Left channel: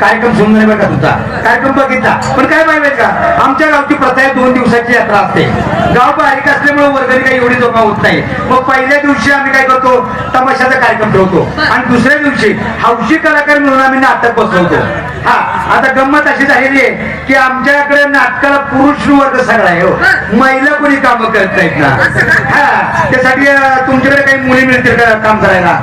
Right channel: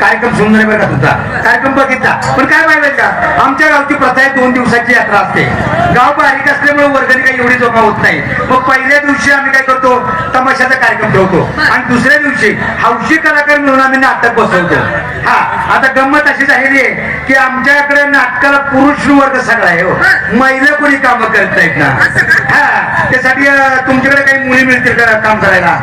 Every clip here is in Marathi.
कार्यक्रम सुंदर बघा तुमचा कार्यक्रम बघितला पण काय पाहिजे का आमच्या गावची प्रथा आहे 2 दिवसाची यात्रा असते गाव बारीक असल्यामुळे वर्गणी काही एवढी जमा होत नाही मग पहिल्या दिवशी आम्ही काय करतो तमाशाचा कार्यक्रम ठेवतो आणि दुसऱ्या दिवशी हौशी कलाकार म्हणून आम्ही नाटक बसवतो हा आता गंमत अशी झालेली आहे की आमच्याकडे नाटकाला पुरुष वर्ग सगळा आहे हो महिला कोणी काम करत नाहीत ना हा त्यासाठी तुमच्याकडे काही मुली मिळतील का काम करायला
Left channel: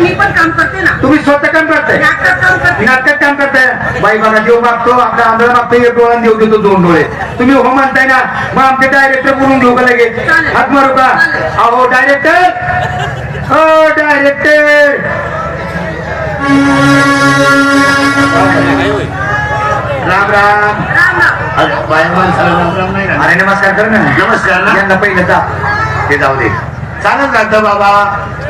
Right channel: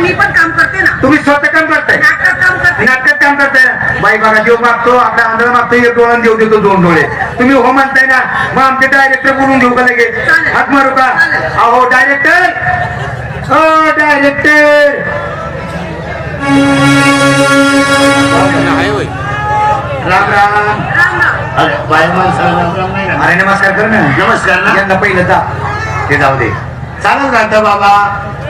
मी पण काम करते ना तुम्ही स्वतः काम करताय नाटकात काम करताय बाई बघा देव मागतो आपल्या आंधळा मागतो एक डोळा देव देतो 2 डोळे तुम्ही हो म्हणताय ना मग आमचे डायरेक्टर बोलून घेऊ का लगेच हात मारू का अहो डायरेक्टर हो डायरेक्टर राम राम अरे नमस्कार कर ना नमस्कार यांना पहिलं जा ते जाऊ दे चालत राहतं बाबा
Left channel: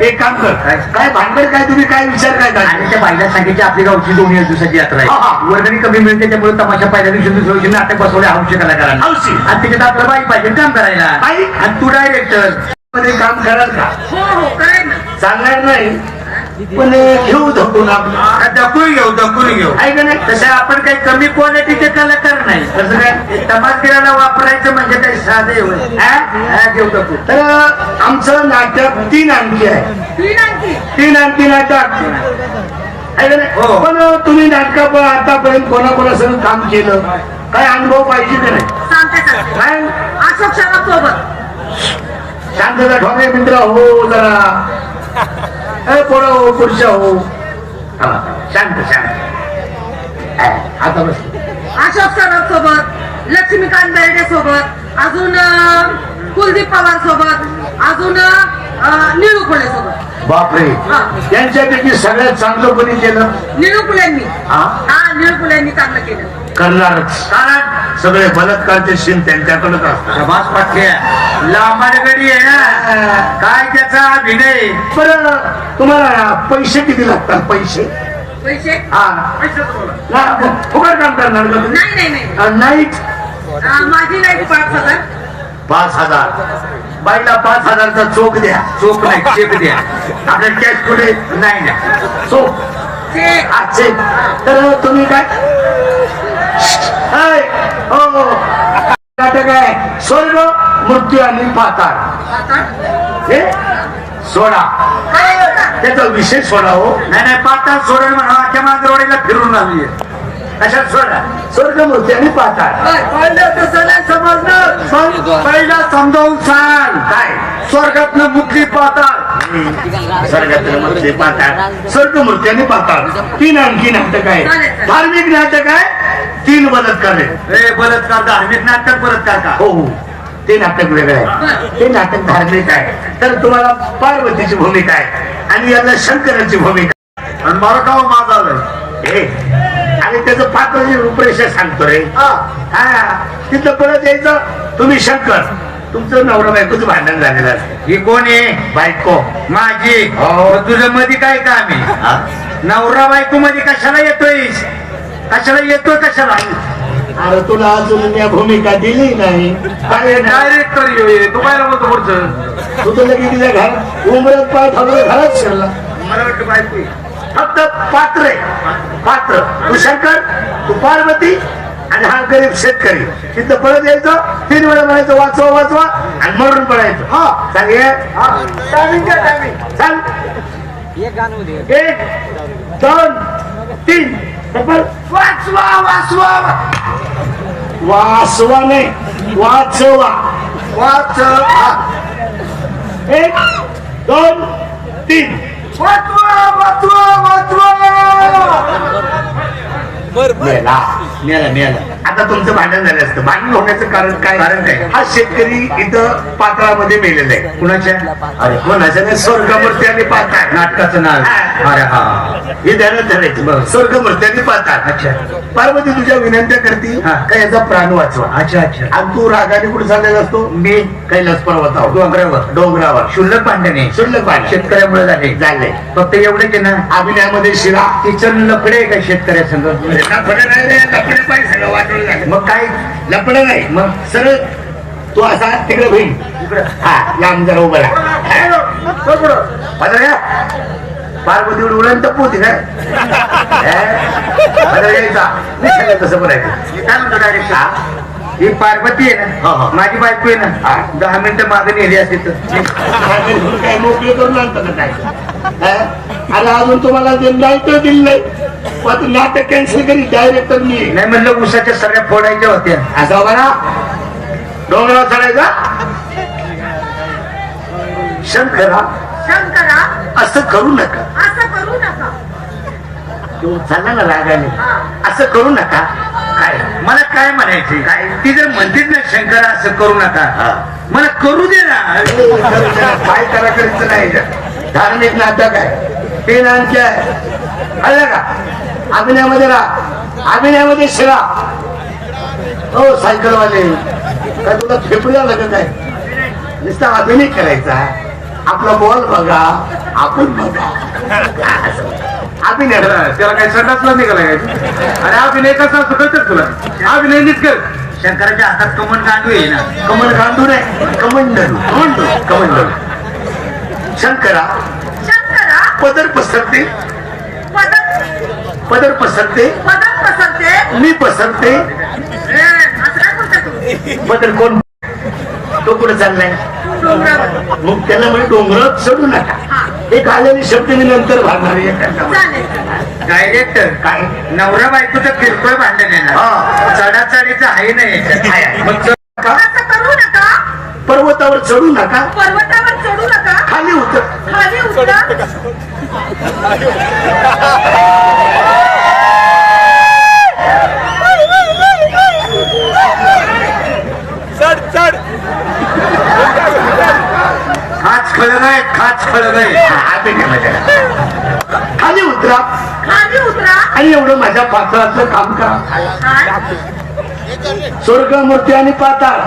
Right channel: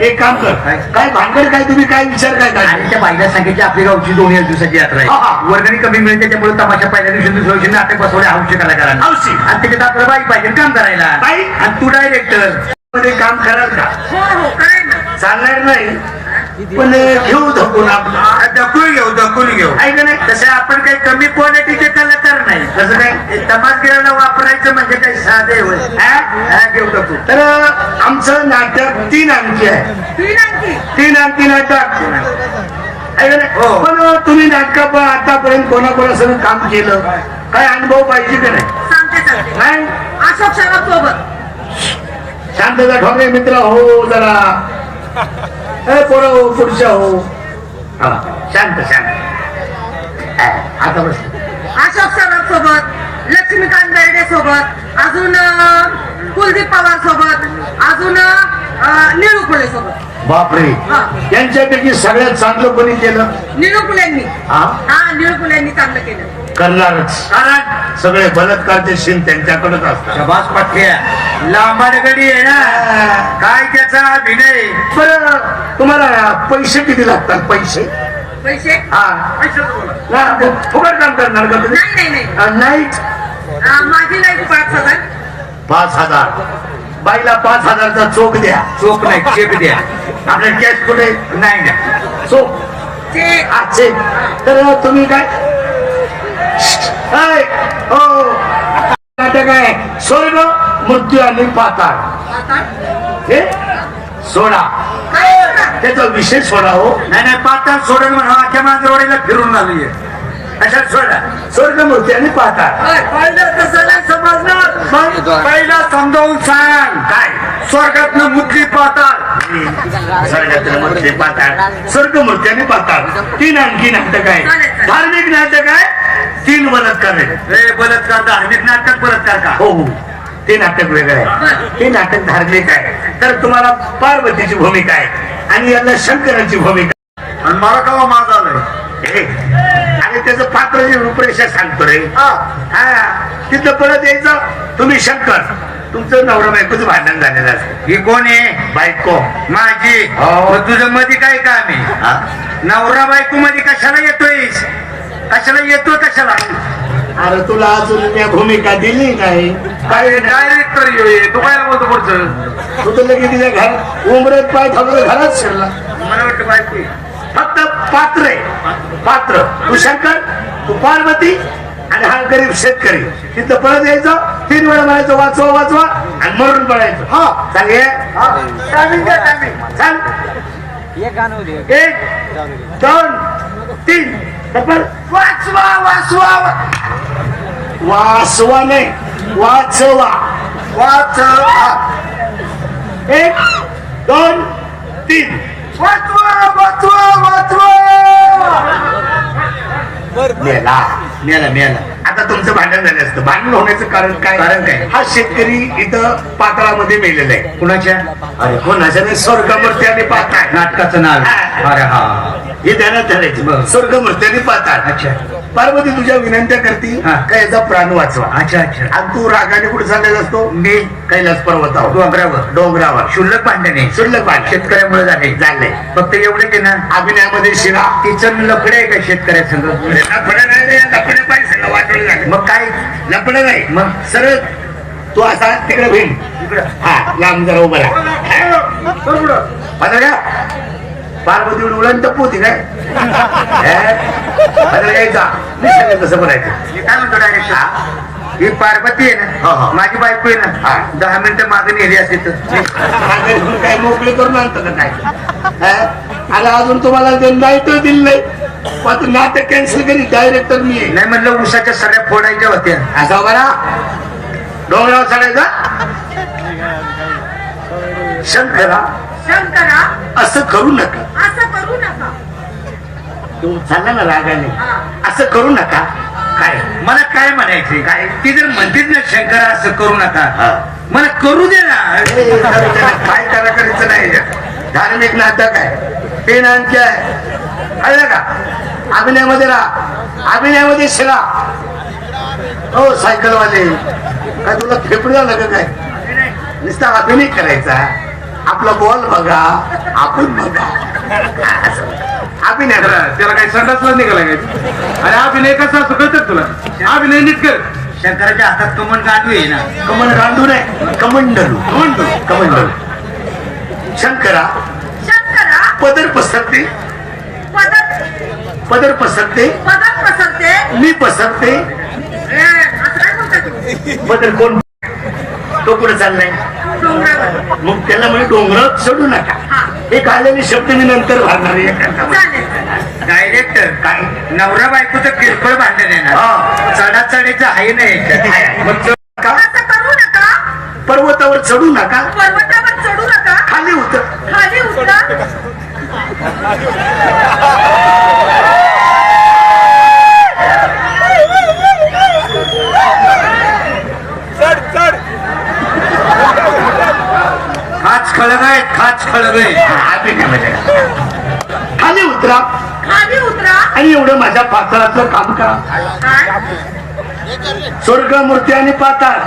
एक काम कर काय भांडण काय तुम्ही काय विचार काय आणि त्या पहिल्या सांगितली आपली गावची 2 दिवसाची यात्रा आहे वर्गणी कमी मिळते त्यामुळे तमाशा पहिल्या दिवशी दुसऱ्या दिवशी नाटक बसवले हौशी कलाकारांना आणि त्याच्यात आपलं बाई पाहिजे काम करायला आणि तू डायरेक्टर मध्ये काम कराल का हो काय ना चालणार नाही पण घेऊ धकून दखून घेऊ ऐक नाही तसं आपण काही कमी क्वालिटीचे कलाकार नाही तसं काय तमासगिराला वापरायचं म्हणजे काही साधे होय घेऊ दखू तर आमचं नाटक 3 अंकी आहे 3 अंकी नाटक ऐक नाही हो. पण तुम्ही नाटकापर्यंत आतापर्यंत कोणाकोणासंग काम केलं काय अनुभव पाहिजे का नाही सांगते काय अशोक सराफ सोबत शांतता ठोके मित्र हो जरा पोरं हो पुरुष हो शांत आता बस अशोक सराफ सोबत लक्ष्मीकांत बेर्डे सोबत अजून कुलदीप पवार सोबत अजून निळू फुले सोबत बापरे त्यांच्यापैकी सगळ्यात चांगलं कोणी केलं निळू फुलेंनी हा निळू फुलेंनी चांगलं केलं करणारच कारण सगळे बलात्कारचे सीन त्यांच्याकडेच असतात प्रभास पाटल्या लांबाडगडी आहे ना काय त्याचा अभिनय बरं तुम्हाला पैसे किती लागतात पैसे पैसे फुकट काम करणार का तुम्ही नाही नाही नाही नाही माझी नाही 5,000 5,000 बाईला 5,000चा चोख द्या चोख नाही चेक द्या आपल्या कॅश पुढे नाही ना चोख ते आजचे तर तुम्ही काय हो नाटक आहे स्वर्ग मृत्यू आणि पाताळ हे सोडा त्याचा विषय सोडा हो नाही पाताळ सोडून म्हणा अख्ख्या मांजरवाडीला फिरून आली कशात सोडा स्वर्ग मृत्यू आणि पाताळ कसं नाही समजणार पहिला समजावून सांग काय स्वर्गातनं मुक्ती पाताळ स्वर्ग मृत्यू आणि पाताळ 3 आणखी नाटक आहे धार्मिक नाटक आहे 3 बलात्कार आहे बलात्कार धार्मिक नाटक बलात्कार का हो हो ते नाटक वेगळं आहे. ते नाटक धार्मिक आहे. तर तुम्हाला पार्वतीची भूमिका आहे आणि यांना शंकराची भूमिका. आणि मला कवा माझा आलंय हे आणि त्याचं पात्राची रूपरेषा सांगतो रे. हा तिथं परत यायचं तुम्ही शंकर, तुमचं नवरा बायकोचं भांडण झालेलं असतं. ही कोण आहे? बायको माझी. हो. तुझं मध्ये काय काम आहे? नवरा बायको मध्ये कशाला येतोय? कशाला येतो कशाला? अरे तुला अजून या भूमिका दिली नाही. काय डायरेक्टर तू काय बोलतो पुढचं? तू तर लगेच तिच्या घर उमरत पाय थांबलं घरात शिरला. मला वाटतं बायको आहे. फक्त पात्र आहे. पात्र तू शंकर, तू पार्वती आणि हा गरीब शेतकरी. तिथं पळत यायचं, 3 वेळा म्हणायचं वाचवा वाचवा आणि मरून पडायचं. हा सांग सांग 1 2 3 वाचवा वाचवा. वाचवा नाही वाचवा. वाचवा 1 2 3 वाचवा वाचवा वाचवा. मेला मेला मेला. आता तुमचं भांडण झालं असतं. भांडण होण्याचं कारण काय? हा शेतकरी इथं पात्रामध्ये मेलेला आहे. कुणाच्या? अरे कोणाच्या नाही, स्वर्गमूर्ती आणि पाताळ नाटकाचं नाव आहे. अरे हा हे ध्यानात धरायचं. स्वर्गमूर्ती आणि पाताळ. अच्छा. पार्वती तुझ्या विनंत्या करती का याचा प्राण वाचवा. अच्छा अच्छा. आणि तू रागाने कुठे चाललेला असतो? मी कैलास पर्वतावर, डोंगरावर शुल्लक भांडण आहे. शुल्लक भांडण शेतकऱ्यामुळे झाले. फक्त एवढे की ना अभिनयामध्ये शिरा तिचं लफडे आहे का शेतकऱ्यासंग? लफडं नाही रे, लफडं पाहिजे सगळं वाटलं नाही. मग काय? लफडं नाही. मग सरळ तू असा तिकडे होईल. हा लांब जरा उभा पार्वती उडून पोती काय यायचा सगळं तसं करायचं. काय म्हणतो डायरेक्ट? ही पार्वती आहे ना, माझी बायको आहे ना, 10 मिनिटं मागे नेली असते तर काय मोकळे करून आणतो ना काय. आणि अजून तुम्हाला ते नाईट दिलं नाही. आता नाटक कॅन्सल करी. डायरेक्टर मी आहे. नाही म्हणलं उसाच्या सगळ्या फोडायच्या होत्या. असा बरा डोंगरावर चढायचा. शंकरा शंकरा असं करू नका. असं करू नका. तू चालला ना रागाने. असं करू नका. काय मला काय म्हणायचे? काय ती जर म्हणतीच ना शंकरा असं करू नका, मला करू दे ना. काय करा करायचं नाही. धार्मिक नाटक आहे. ते नाटक आहे. कळलं का? अभिनयामध्ये राहा. अभिनयामध्ये शिरा. हो सायकलवाले काय तुला फेकू झालं का काय? नुसता अभिनय करायचा. आपला बॉल बघा, आपण बघा. अभिनय त्याला काय संडासला निघाला काय? अरे अभिनय कसा असतो कळत तुला? अभिनय नीट कर. शंकराच्या हातात कमल गांडू आहे ना. कमल गांडू नाही, कमंडलू. कमंडलू. शंकरा शंकरा पदर पसरते. पदर पसरते. पदर पसरते. मी पसरते. असं काय बोलता तू? पदर कोण? तो कुठे चाललाय? डोंगरावर. मग त्याला म्हणजे डोंगरात चढू नका. एक आलेले शब्द मी नंतर भरणार आहे. चालेल. डायरेक्टर काय नवरा बायकोचं किरकोळ भांडण आहे ना, चढाचढीचं आहे नाही. मग चढू नका. असं करू नका. पर्वतावर चढू नका. पर्वतावर चढू नका. खाली उतर. खाली उतरा. खाच खळग आहे, खाच खळग आहे. खाली उतरा खाली उतरा. आणि एवढं माझ्या पात्राचं काम करा. काय? स्वर्ग मूर्ती आणि पाताळ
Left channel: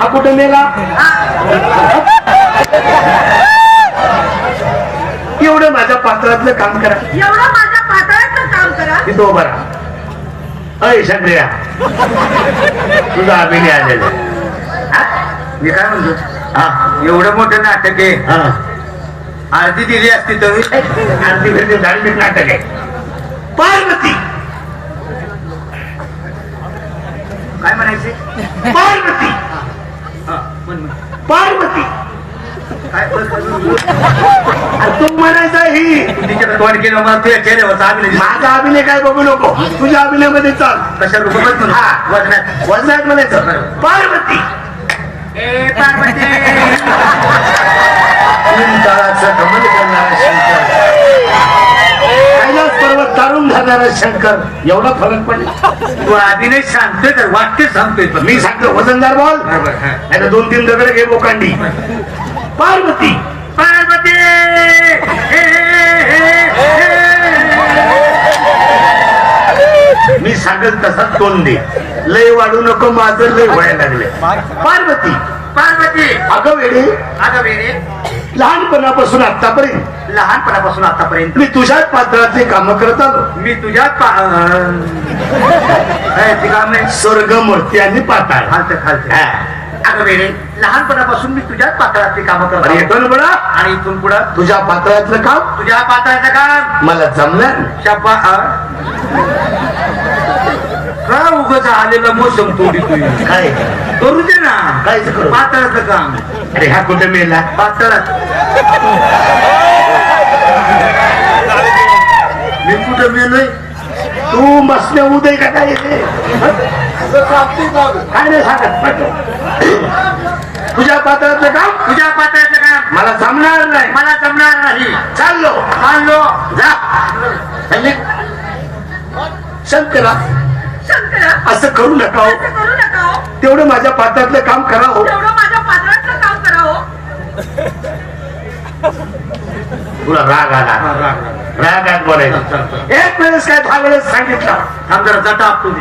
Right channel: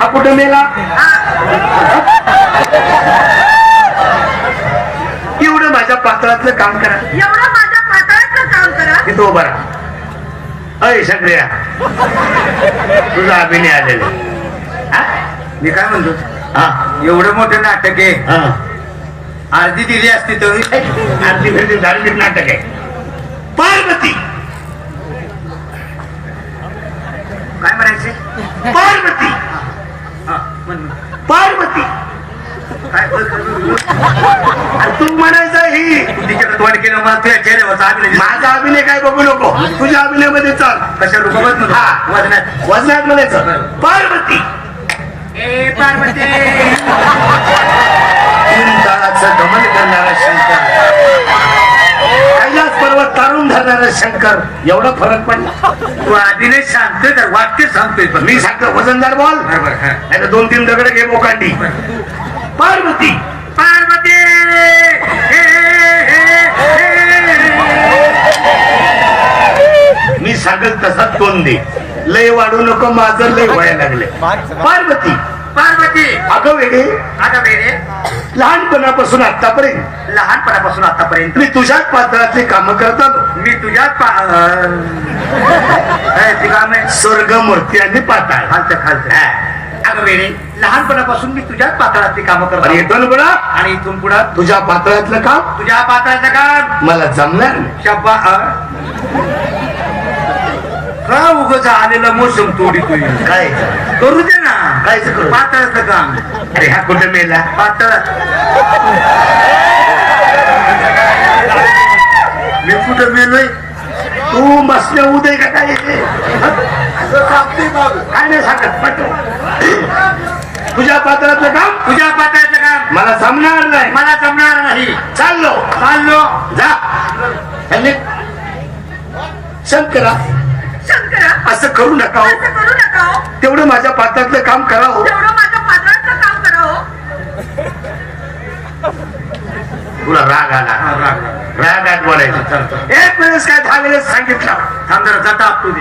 हा कुठं मेला? एवढं माझ्या पात्रातलं काम करा. एवढं माझ्या पातळाचं काम करा. तिथं उभा राहा. अय शंकर्या तुझा अभिनय आलेला. मी काय म्हणतो, हा एवढं मोठं नाटक आहे, हा अर्धी दिली असती तर आरती भेटते. धार्मिक नाटक आहे. पार्वती काय म्हणायचे? पार्वती पार्वती काय तू म्हणायचा ही तिच्याकडे तोंड केलं मला तुझ्या चेहऱ्यावर चांगले माझा अभिनय काय बघू नको. तुझ्या अभिनयामध्ये चाल. कशा रुकवत म्हणून हा. वजनात वजनात म्हणायचं पार्वती. ए पार्वती. 3 तळाचं कमल करणारा शंकर, कैलास पर्वत तारून धरणारा अरे शंकर एवढा फरक पडला. तू आधीने सांगतोय तर वाक्य सांगतोय पण मी सांगतो वजनदार बॉल बरोबर, हा. याला 2-3 दगड घे बोकांडी. पार्वती पार्वती हे, हे. मी सांगेल तसा तोंड दे. लय वाढू नको माझं लय व्हायला लागले. पार्वती पार्वती अगं वेळे आता वेळे लहानपणापासून आतापर्यंत लहानपणापासून आतापर्यंत मी तुझ्याच पात्रातली कामं करत आलो. मी तुझ्याच स्वर्गमूर्ती आणि पाताळ. खालचं खालचं अगं वेळे लहानपणापासून मी तुझ्याच पात्रातली कामं अरे करतो येतो ना बडा आणि इथून पुढं तुझ्या पात्रातलं काम तुझ्या पात्राचं काम मला जमणार नाही. शब्बा का उगाच आलेला मोसम तोडी तुम्ही काय करू दे ना कायच करू? पातळाचं काम अरे हा कुठे मेला? पातळात मी कुठं मेलोय तू बसल्या उदय का काय येते? काय नाही सांगत पटकन. तुझ्या पात्रातलं काम तुझ्या पातळाचं काम मला जमणार नाही. मला जमणार नाही चाललो चाललो जा. आणि शंकरा शंकरा असं करू नका हो. असं करू नका हो. तेवढं माझ्या पात्रातलं काम करा हो. तेवढं माझ्या पात्राचं काम करा हो. तुला राग आला. रागात बोलायचं. एक वेळेस काय 10 वेळेस सांगितलं. थांब जरा जटा आपतो दे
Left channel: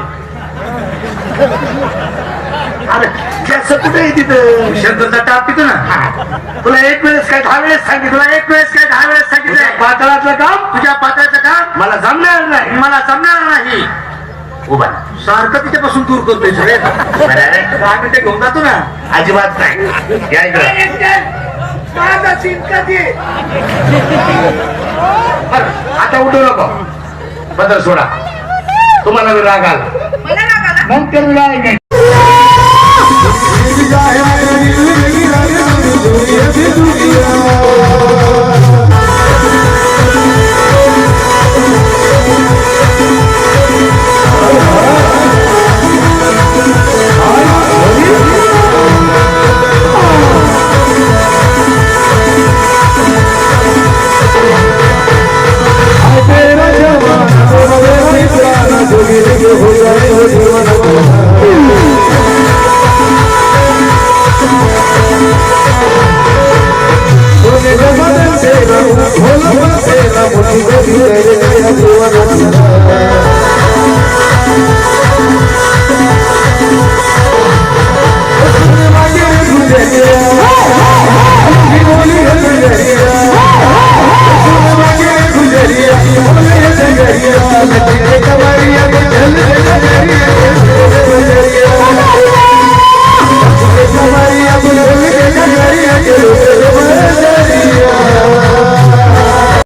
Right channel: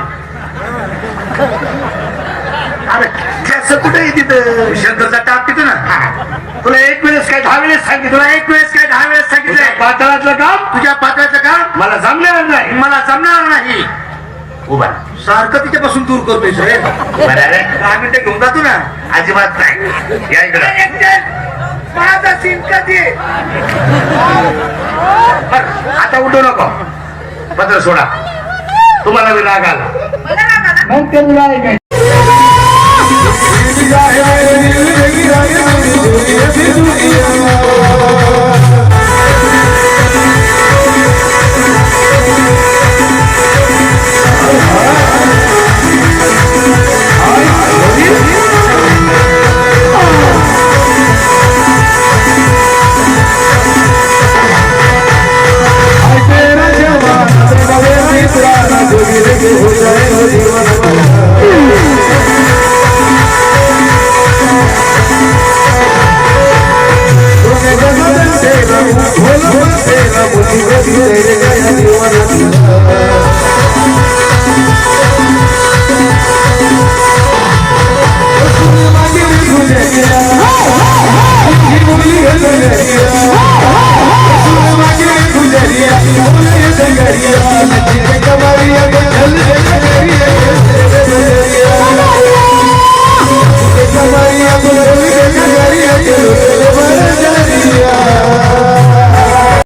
अरे कसं कुठे तिथं शंकर जटा आपतो ना तुला एक वेळेस काय 10 वेळेस सांगितलं. तुला एक वेळेस काय 10 वेळेस सांगितलंय पात्रातलं काम तुझ्या पात्राचं काम मला जमणार नाही. मला जमणार नाही उभा सारखं तिच्यापासून दूर करतोय सगळे अरे 10 मिनिटं घेऊन जातो ना अजिबात नाही. या इकडं. माझा चिंता दे आता उठू नको. पत्र सोडा. तुम्हाला मी राग आला मला राग आला. मग ते राग आहे. दुनिया